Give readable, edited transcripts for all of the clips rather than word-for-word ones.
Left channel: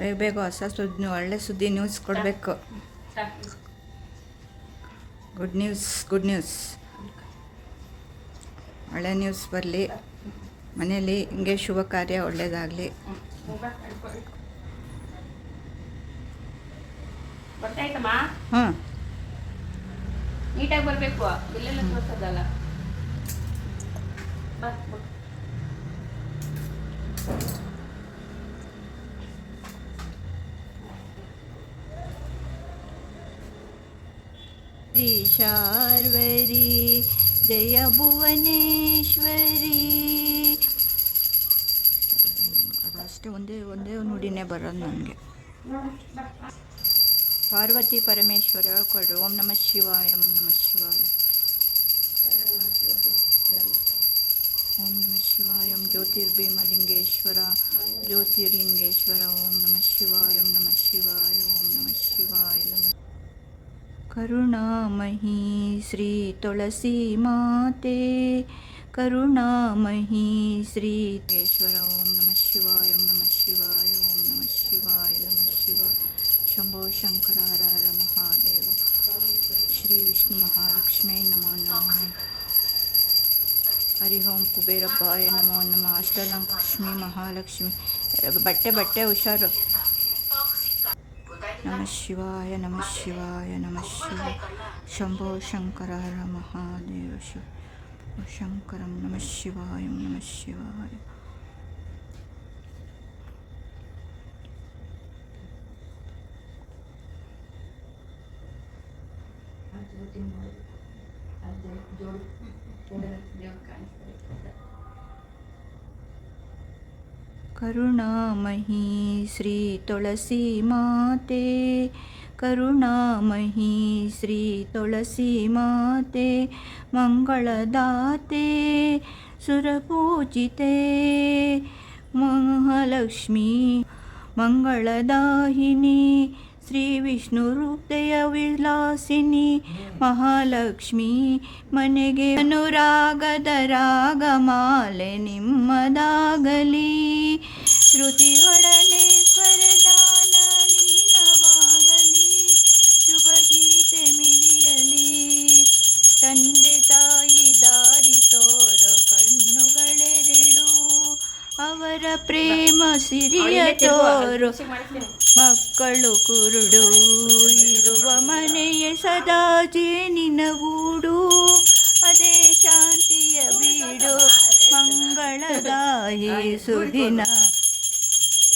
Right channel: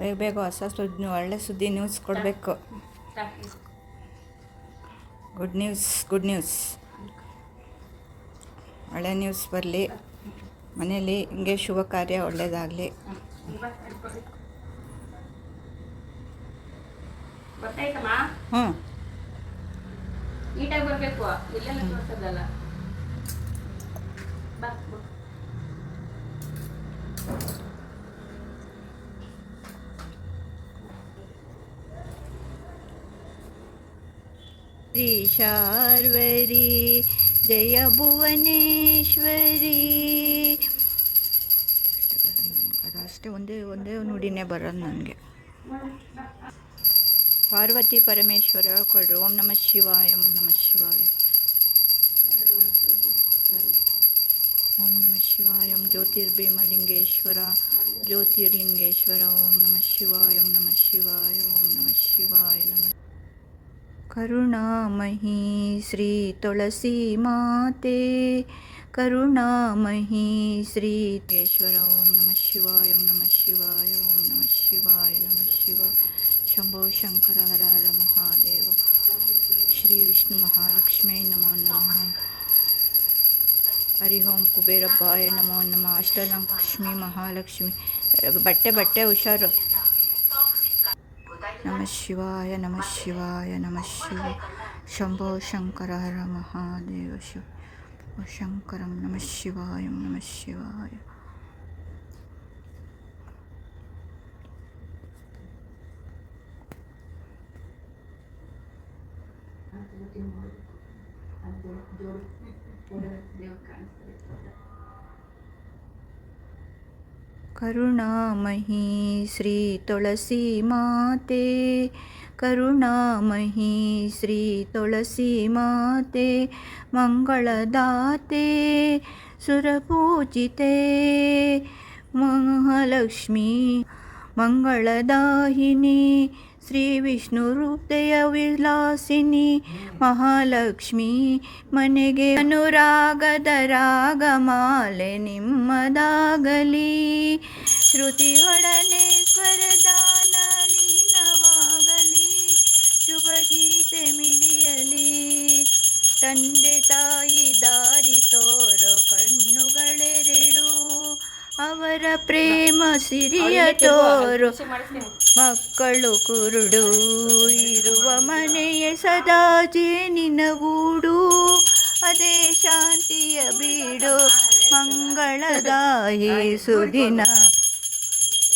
ಬೇಗ ಬೇಗ ಹೊಸ ಸುದ್ದಿ, ಒಳ್ಳೆ ಸುದ್ದಿ ನ್ಯೂಸ್ ಕೊಡಬೇಕು. ಗುಡ್ ನ್ಯೂಸ್ ಒಳ್ಳೆ ನ್ಯೂಸ್ ಬರಲಿ. ಮನೇಲಿ ಹಿಂಗೆ ಶುಭ ಕಾರ್ಯ ಒಳ್ಳೆಯದಾಗಲಿ. ಹಾಂ, ನೀಟಾಗಿ ಬರಬೇಕು. ಇಲ್ಲೆಲ್ಲ ತೋರಿಸೋದಲ್ಲ. ಶಾರ್ವರಿ ಜಯ ಭುವನೇಶ್ವರಿ. ಅಷ್ಟೇ ಒಂದೇ ನುಡಿನೇ ಬರೋದು ನನಗೆ. ಪಾರ್ವತಿ ಪರಮೇಶ್ವರ ಹೇಳ್ಕೊಳ್ರಿ. ಓಂ ನಮಃ ಶಿವಾಯ, ಓಂ ನಮಃ ಶಿವಾಯ, ಓಂ ನಮಃ ಶಿವಾಯ. ಜ್ಯೋತಿರ್ಭೀಮಲಿಂಗೇಶ್ವರ, ಜ್ಯೋತಿರ್ಲಿಂಗೇಶ್ವರ. ಓಂ ನಮಃ ಶಿವಾಯ, ಓಂ ನಮಃ ಶಿವಾಯ, ಓಂ ನಮಃ ಶಿವಾಯ. ನಮಃ ಕರುಣಾಮಯಿ ಶ್ರೀ ತುಳಸಿ ಮಾತೆ, ಕರುಣಾಮಯಿ ಶ್ರೀ ಲಿಂಗೇಶ್ವರ. ಓಂ ನಮಃ ಶಿವಾಯ, ಓಂ ನಮಃ ಶಿವಾಯ, ಓಂ ನಮಃ ಶಿವಾಯ, ನಮಃ ಶಿವಾಯ. ಶಂಭೋ ಶಂಕರ ಹರ ಹರ ಮಹಾದೇವ. ಶ್ರೀ ವಿಷ್ಣು ಮಹಾಲಕ್ಷ್ಮೀ ನಮೋ ನಮಃ. ಹರಿ ಓಂ ಕುಬೇರಬ್ಬಾಯ ನಮೋ ನಮಃ. ಅಷ್ಟಲಕ್ಷ್ಮಿ ಮಹಾಲಕ್ಷ್ಮಿ. ಬಟ್ಟೆ ಹುಷಾರು. ನಮಃ ಶಿವಾಯ, ನಮಃ ಶಿವಾಯ, ನಮಃ ಶಿವಾಯ. ಶಂಭೋ ಶಂಕರ ಹರ ಮಹಾದೇವ. ಶಿವ ಶಂಕರಂ. ನಮಃ ಶಿವಾಯ, ನಮಃ ಶಿವಾಯ. ಕರುಣಾಮಯಿ ಶ್ರೀ ತುಳಸಿ ಮಾತೆ, ಕರುಣಾಮಯಿ ಶ್ರೀ ತುಳಸಿ ಮಾತೆ. ಮಂಗಳದಾತೆ ಸುರಪೂಜಿತೆ ಮಹಾಲಕ್ಷ್ಮೀ, ಮಂಗಳದಾಹಿನಿ ಶ್ರೀ ವಿಷ್ಣು ಹೃದಯ ವಿಲಾಸಿನಿ ಮಹಾಲಕ್ಷ್ಮೀ. ಮನೆಗೆ ಅನುರಾಗದ ರಾಗಮಾಲೆ ನಿಮ್ಮದಾಗಲಿ, ಶ್ರುತಿಯೊಡನೆ ಸ್ವರದಾನ ಲೀನವಾಗಲಿ, ಶುಭ ಗೀತೆ ಮಿಡಿಯಲಿ. ತಂದೆ ತಾಯಿ ದಾರಿ ತೋರೋ ಕಣ್ಣುಗಳೆರಡು, ಅವರ ಪ್ರೇಮ ಸಿರಿಯ ತೋರು. ಮಕ್ಕಳು ಕುರುಡು ಇರುವ ಮನೆಯ ಸದಾ ಜೇನಿನ ಗೂಡು, ಅದೇ ಶಾಂತಿಯ ಬೀಡು. ಮಂಗಳದಾಯಿ ಸುದಿನ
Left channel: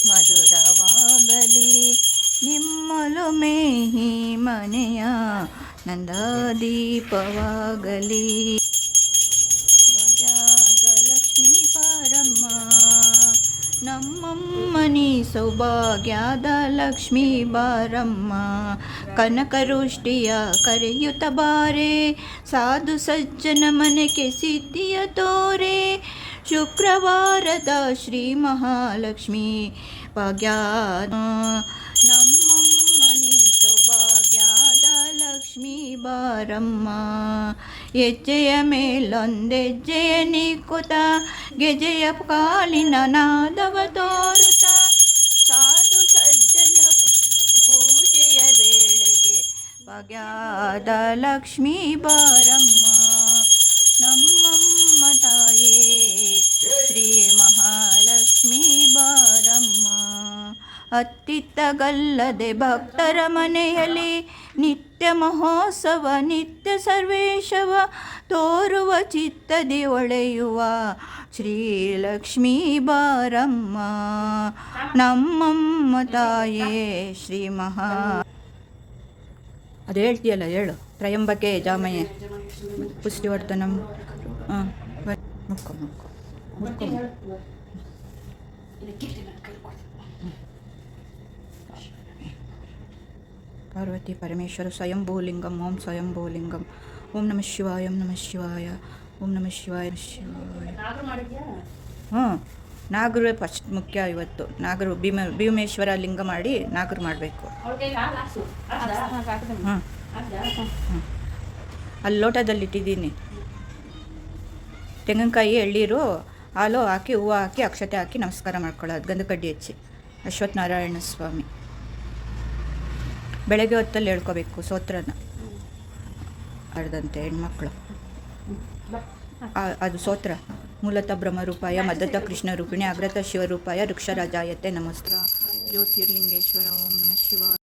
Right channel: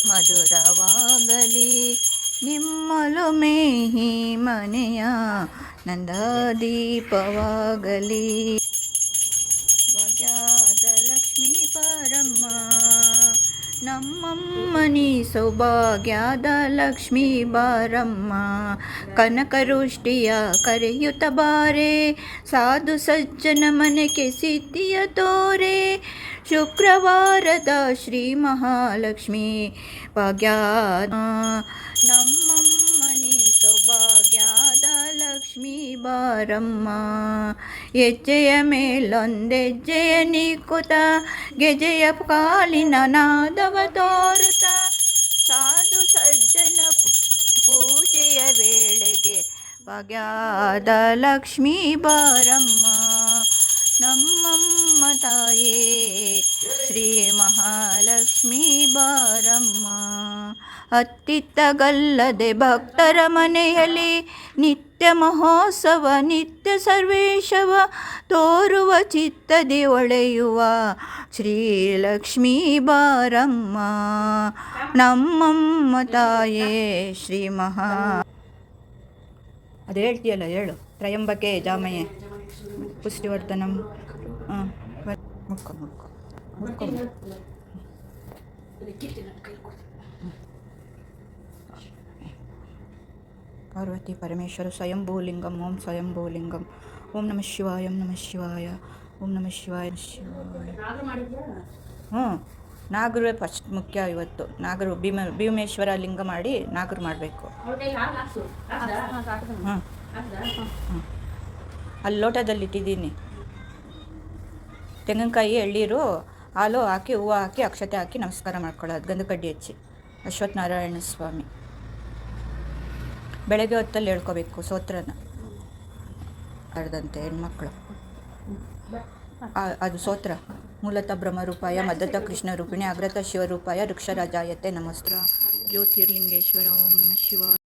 ಮಧುರವಾಗಲಿ, ನಿಮ್ಮೊಲುಮೆ ಈ ಮನೆಯ ನಂದಾದೀಪವಾಗಲಿ. ಭಾಗ್ಯದ ಲಕ್ಷ್ಮೀ ಬಾರಮ್ಮ, ನಮ್ಮಮ್ಮನಿ ಸೌಭಾಗ್ಯದ ಲಕ್ಷ್ಮೀ ಬಾರಮ್ಮ. ಕನಕರುಷ್ಟಿಯ ಕರೆಯುತ್ತ ಬಾರೆ, ಸಾಧು ಸಜ್ಜನ ಮನೆಗೆ ಸಿದ್ಧಿಯ ತೋರೆ. ಶುಕ್ರವಾರದ ಶ್ರೀ ಮಹಾಲಕ್ಷ್ಮೀ ಭಾಗ್ಯದ, ನಮ್ಮಮ್ಮನಿ ಸೌಭಾಗ್ಯದ ಲಕ್ಷ್ಮೀ ಬಾರಮ್ಮ. ಹೆಜ್ಜೆಯ ಮೇಲೊಂದೆಜ್ಜೆಯ ನಿಕ್ಕುತ, ಗೆಜೆಯ ಕಾಲಿನ ನಾದವ ತೋರುತ್ತ. ಸಾಧು ಸಜ್ಜನ ಪೂಜೆಯ ವೇಳೆಗೆ ಭಾಗ್ಯದ ಲಕ್ಷ್ಮೀ ಬಾರಮ್ಮ. ನಮ್ಮಮ್ಮ ತಾಯೇ ಶ್ರೀ ಮಹಾಲಕ್ಷ್ಮೀ ಬಾರಮ್ಮ. ಅತ್ತಿತ್ತಗಲ್ಲದೆ ಭಕ್ತರ ಮನೆಯಲ್ಲಿ ನಿತ್ಯ ಮಹೋತ್ಸವ ನಿತ್ಯ ಸರ್ವೇಶವ ತೋರುವ ಚಿತ್ತದಿ ಒಳೆಯುವ ಶ್ರೀಲಕ್ಷ್ಮೀ ಬಾರಮ್ಮ. ನಮ್ಮಮ್ಮ ತಾಯೇ ಶ್ರೀ ಮಹಾ ಅದು ಹೇಳ್ತೀಯಲ್ಲ ಹೇಳು. ತ್ರಯಂಬಕೆ ಜಾಮಯೇ ಪುಷ್ಟಿವರ್ಧನಂ. ಹಾಂ ಮುಕ್ಕು ಮುಕ್ಕು ಮುಕ್ಕು. ಪಾರ್ವತಿ ಪರಮೇಶ್ವರ ಸ್ವಯಂಭೂಲಿಂಗಂ. ಓಂ ಸ್ವಯಂಭೂಲಿಂಗಂ. ಓಂ ನಮಃ ಶಿವಾಯ. ಓಂ ನಮಃ ಶಿವಾಯ. ಓಂ ನಮಃ ಶಿವಾಯ. ಹ್ಞೂ, ನಾಗರೇ ಫಸ್ಟ್ ಮುಖ್ಯ ಇವತ್ತು. ನಾಗರು ಭೀಮೇಶ್ವರ ಲಿಂಗ ಮಾಡಿ ನಾಗರು ಮಾಡಬೇಕು. ಹಾಂ ಹಾಂ, ಅಲ್ಲಿ ಲೋಟದಲ್ಲಿಟ್ಟಿದ್ದೀನಿ. ತೆಂಗಿನಕಾಯಿ, ಎಳ್ಳೀರು, ಹಾಲು ಹಾಕಿ ಹೂವು ಹಾಕಿ ಅಕ್ಷತೆ ಹಾಕಿ ನಮಸ್ಕಾರ ಮಾಡ್ಕೊಳ್ಳೋದು. ಗಂಧ ಕಡ್ಡಿ ಹಚ್ಚಿ ಅಶ್ವತ್ಥನಾರಾಯಣ ಸ್ವಾಮಿ. ಬೆಳಗ್ಗೆ ಹೊತ್ತಲ್ಲಿ ಹೇಳ್ಕೋಬೇಕು ಸ್ತೋತ್ರನ. ಅರ್ಧಂತೆ ಹೆಣ್ಮಕ್ಳು ಅದು ಸ್ತೋತ್ರ. ಮೂಲತಃ ಬ್ರಹ್ಮರೂಪಾಯ ಮದ್ದತ ಕೃಷ್ಣ ರೂಪಿಣಿ ಅಗ್ರತ ಶಿವರೂಪಾಯ ವೃಕ್ಷರಾಜಾಯತೆ ನಮಸ್ಕಾರ. ಜ್ಯೋತಿರ್ಲಿಂಗೇಶ್ವರ. ಓಂ ನಮಃ ಶಿವಾಯ.